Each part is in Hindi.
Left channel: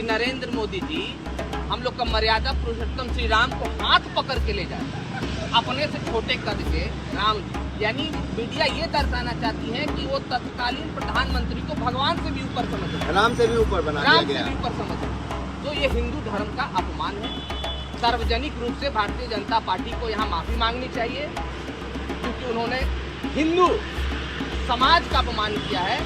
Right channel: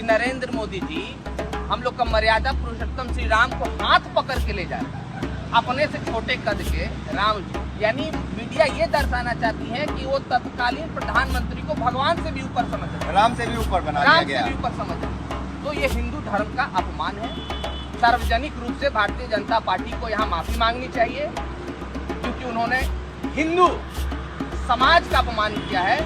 कि नरेंद्र मोदी जी हम लोग का मर्यादा पुरुषोत्तम श्री राम को हाथ पकड़ के ले जाता है, अपने से छोटे कद के राम जी। यानी मीडिया ये दर्शाना चाहती है कि वो तत्कालीन प्रधानमंत्री को भगवान से भी ऊपर समझ, राम से भी ऊपर बना दिया गया, राम से भी ऊपर समझ। तो ये हिंदू धर्म का अपमान है। सार्वजनिक रूप से भारतीय जनता पार्टी को यहाँ माफी मांगनी चाहिए, क्योंकि उन्होंने हिंदू समाज का अपमान किया है,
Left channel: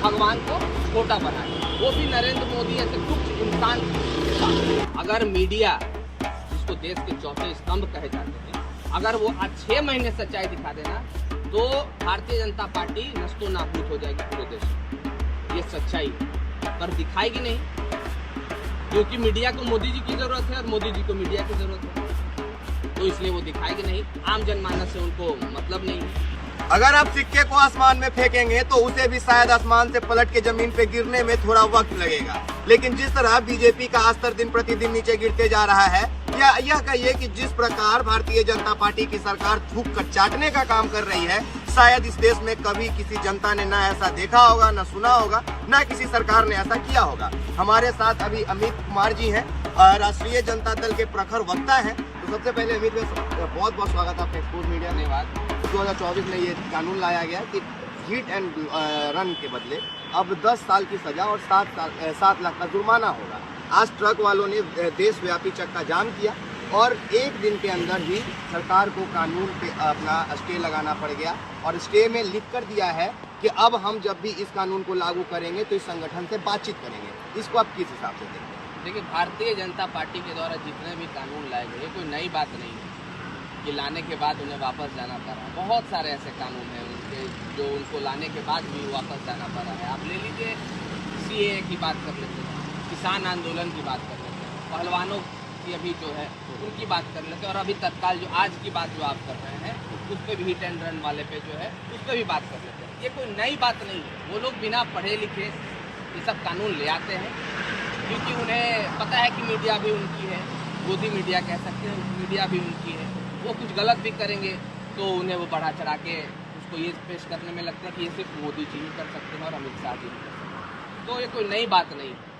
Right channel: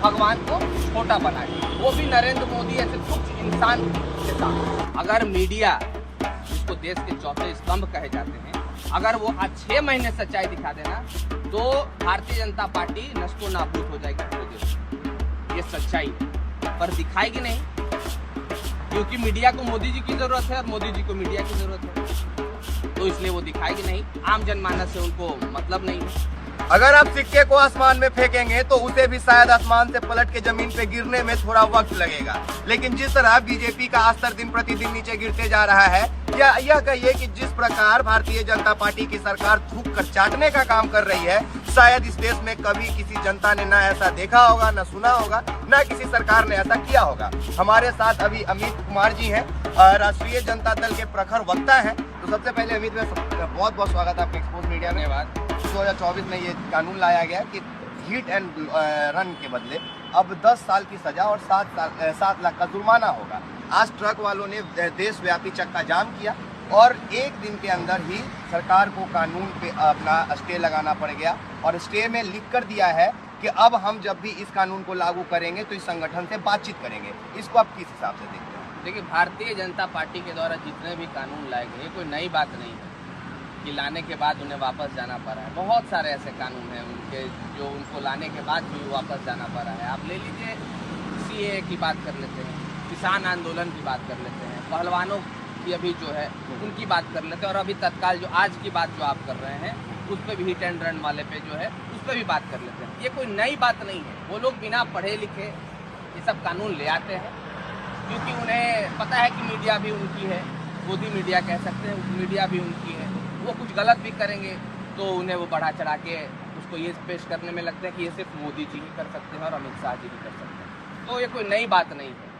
भगवान को छोटा बना दिया, वो भी नरेंद्र मोदी ऐसे तुच्छ इंसान के साथ। अगर मीडिया, जिसको देश के चौथे स्तंभ कहे जाते हैं, अगर वो आज 6 महीने सच्चाई दिखा देना तो भारतीय जनता पार्टी नष्टो नाबूद हो जाएगी पूरे देश में। ये सच्चाई पर दिखाएगी नहीं, क्योंकि मीडिया को मोदी जी की जरूरत है और मोदी जी को मीडिया की जरूरत है, तो इसलिए वो दिखाएगी नहीं। आम जनमानस से उनको मतलब नहीं है। अगर आप सिक्के को आसमान में फेंकेंगे तो उसे भी शायद आसमान से पलट के जमीन पे गिरने में थोड़ा वक्त लगेगा, लेकिन जिस तरह बीजेपी का स्तर दिन प्रतिदिन नीचे गिरते जा रहा है, या यह कहिए कि जिस प्रकार भारतीय जनता पार्टी की सरकार थूक कर चाटने का काम कर रही है, शायद इस देश में कभी किसी जनता ने ना ऐसा देखा होगा, ना सुना होगा, ना किसी सरकार ने ऐसा किया होगा। हमारे साथ अभी अमित कुमार जी हैं, राष्ट्रीय जनता दल के प्रखर वक्ता हैं। तो सबसे पहले अमित भाई, बहुत बहुत स्वागत है आपके एक्सपोज मीडिया में। 2024 में ये कानून लाया गया कि हिट एंड रन के बदले अब 10 साल की सजा और 7 लाख का जुर्माना होगा। आज ट्रक वालों ने देशव्यापी चक्का जाम किया और एक दिन के अंदर ही सरकार को कानून पे अपना स्टे लगाना पड़ गया, और स्टे में लिख कर दिया है कि अब हम जब भी इस कानून को लागू करेंगे तो इस संगठन से बातचीत करेंगे। इसको आप किस हिसाब से देखते हैं? देखिए, भारतीय जनता पार्टी के द्वारा जितने भी कानून लाए गए कोई नई बात नहीं है कि लाने के बाद उन्हें वापस जाना पड़ा है। बहुत सारे ऐसे कानून हैं उनके जो उनको लाने के बाद भी वापस जाना पड़ा है। आप ले लीजिए, सीएए की बात कर लेते हैं, किसान आंदोलन की बात कर लेते हैं, पहलवानों की अभी जो है उनकी बात कर लेते हैं, और अभी तत्काल जो आज की बात जो आप कर रहे हैं उस पर भी हिट एंड रन वाले पे जो है उस पर भी बात कर लेते हैं। ये कोई नई बात नहीं है। वो लोग बिना पढ़े लिखे ये सब कानून ले आते हैं, क्योंकि उन्हें पता है कि मीडिया भी उनकी है, गोदी मीडिया कह सकते हैं, मीडिया भी उनकी है। वो कुछ गलत भी करेंगे तो उन्हें वो बढ़ा चढ़ा के उसको ये पेश करने में लगता है कि ये सिर्फ मोदी जी ही कर सकते हैं और अमित शाह जी ही कर सकते हैं। तो ये कोई नई बात नहीं है।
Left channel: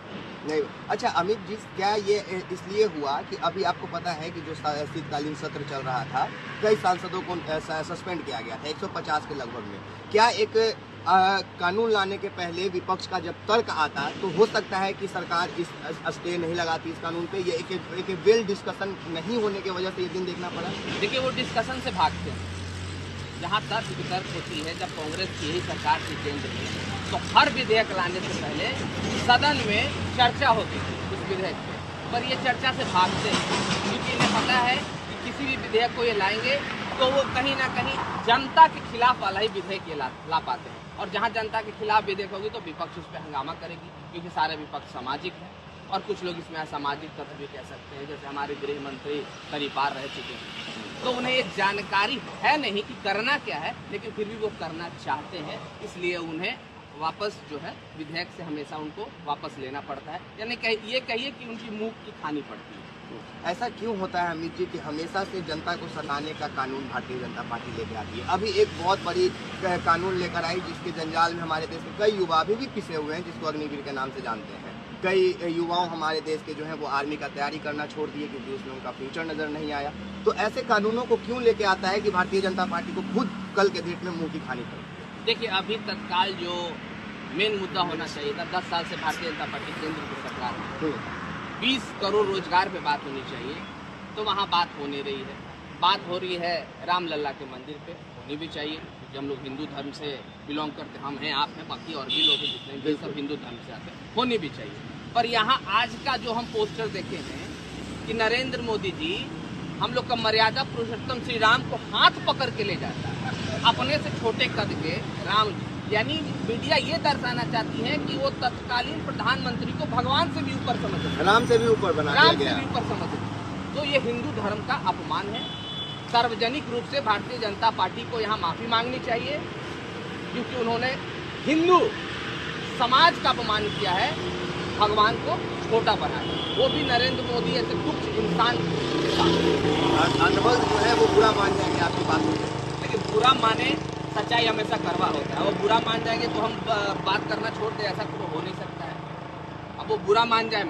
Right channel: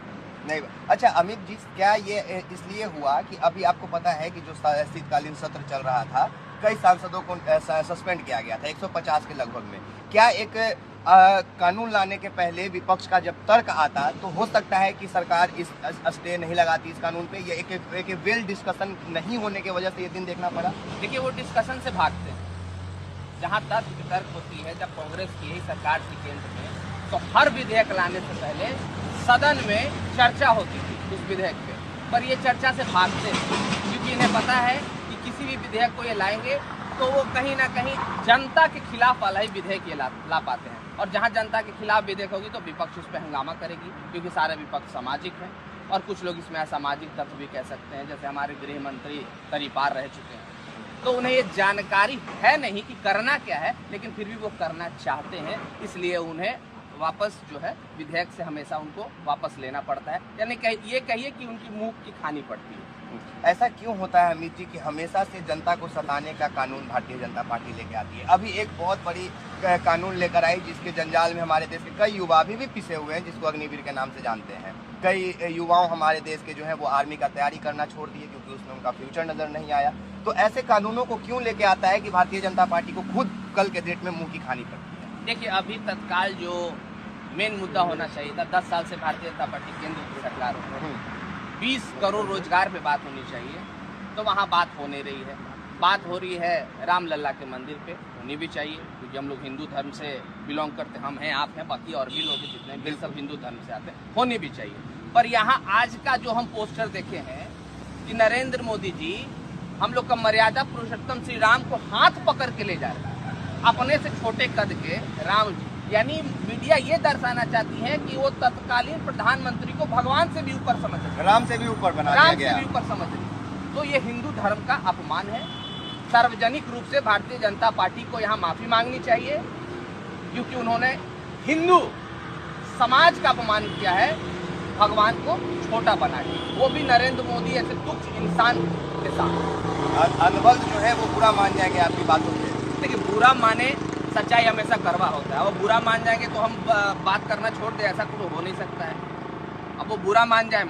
नहीं। अच्छा अमित जी, क्या ये इसलिए हुआ कि अभी आपको पता है कि जो शीतकालीन सत्र चल रहा था, कई सांसदों को सस्पेंड किया गया था 150 के लगभग में। क्या एक कानून लाने के पहले विपक्ष का जब तर्क आता तो हो सकता है कि सरकार इस स्टे नहीं लगाती इस कानून पे? ये एक वेल डिस्कशन नहीं होने की वजह से ये दिन देखना पड़ा। देखिए, वो डिस्कशन से भागते हैं। जहाँ तर्क वितर्क होती है, जब कांग्रेस की ही सरकार थी केंद्र में, तो हर विधेयक लाने से पहले सदन में चर्चा होती थी उस विधेयक पे, पर ये चर्चा से भागते हैं, क्योंकि इन्हें पता है कि किसी भी विधेयक को ये लाएंगे तो वो कहीं ना कहीं जनता के खिलाफ वाला ही विधेयक ये ला पाते हैं, और जहाँ जनता के खिलाफ विधेयक होगी तो विपक्ष उस पर हंगामा करेगी, क्योंकि सारे विपक्ष सामाजिक है, और कुछ लोग इसमें असामाजिक तत्व भी कह सकते हैं। जैसे हमारे गृह मंत्री परिपार रह चुके हैं, तो उन्हें ये जानकारी है नहीं कि करना क्या है, लेकिन फिर भी वो करना चाहते हैं, इसलिए उन्हें वापस जो है विधेयक से हमेशा उनको वापस लेना पड़ता है। यानी ये कहिए कि उनकी मुंह की खानी पड़ती है। ऐसा क्यों होता है अमित जी कि हमेशा से जनता को सताने का कानून भारतीय जनता पार्टी लेके आती है? अभी एक बहुत बड़ी कानून लेकर आई जिसके जंजाल में हमारे देश के कई युवा भी पिसे हुए हैं, जिसको अग्निवीर के नाम से जानते हैं। कई युवाओं हमारे देश के जो है वो आर्मी का तैयारी करना छोड़ दिए क्योंकि उसमें उनका फ्यूचर नजर नहीं आया। तो ऐसे कानूनों को क्यों लेके आता है कि भारतीय जनता पार्टी को खुद कल के डेट में मुंह की खानी पड़ती है? देखिए, अभी तत्काल जो मेन मुद्दा होना चाहिए था, 10 साल से भारतीय जनता पार्टी केंद्र की सरकार है, 20 करोड़ रोजगार पे बात होनी चाहिए, तो वहाँ बात हो नहीं रही है। बात हो रही है रामलला के मंदिर पे, होनी भी चाहिए, क्योंकि हम लोग हिंदू धर्म से बिलोंग करते, हम हैं, आप हैं, बाकी और भी लोग हैं जितने भी, सब हिंदू धर्म से आते हैं, होनी भी चाहिए। पर यहाँ आज का जो हम पोस्टर देखे हैं कि नरेंद्र मोदी जी हम लोग का मर्यादा पुरुषोत्तम श्री राम को हाथ पकड़ के ले जाता है, अपने से छोटे कद के राम जी। यानी मीडिया ये दर्शाना चाहती है कि वो तत्कालीन प्रधानमंत्री को भगवान से भी ऊपर समझ रही है, राम से भी ऊपर बना दिया गया, राम से भी ऊपर समझ रही है। तो ये हिंदू धर्म का अपमान है। सार्वजनिक रूप से भारतीय जनता पार्टी को यहाँ माफी मांगनी चाहिए, क्योंकि उन्होंने हिंदू समाज का अपमान किया है, भगवान को छोटा बना दिया, वो भी नरेंद्र मोदी ऐसे तुच्छ इंसान के साथ। अनुभव जो है वो बुरा मान जाएंगे आपकी बातों में। देखिए, बुरा माने, सच्चाई हमेशा कड़वा होता है, वो बुरा मान जाएंगे तो हम बात करना छोड़ दें, ऐसा कुछ हो नहीं सकता है। अब वो बुरा मान जाए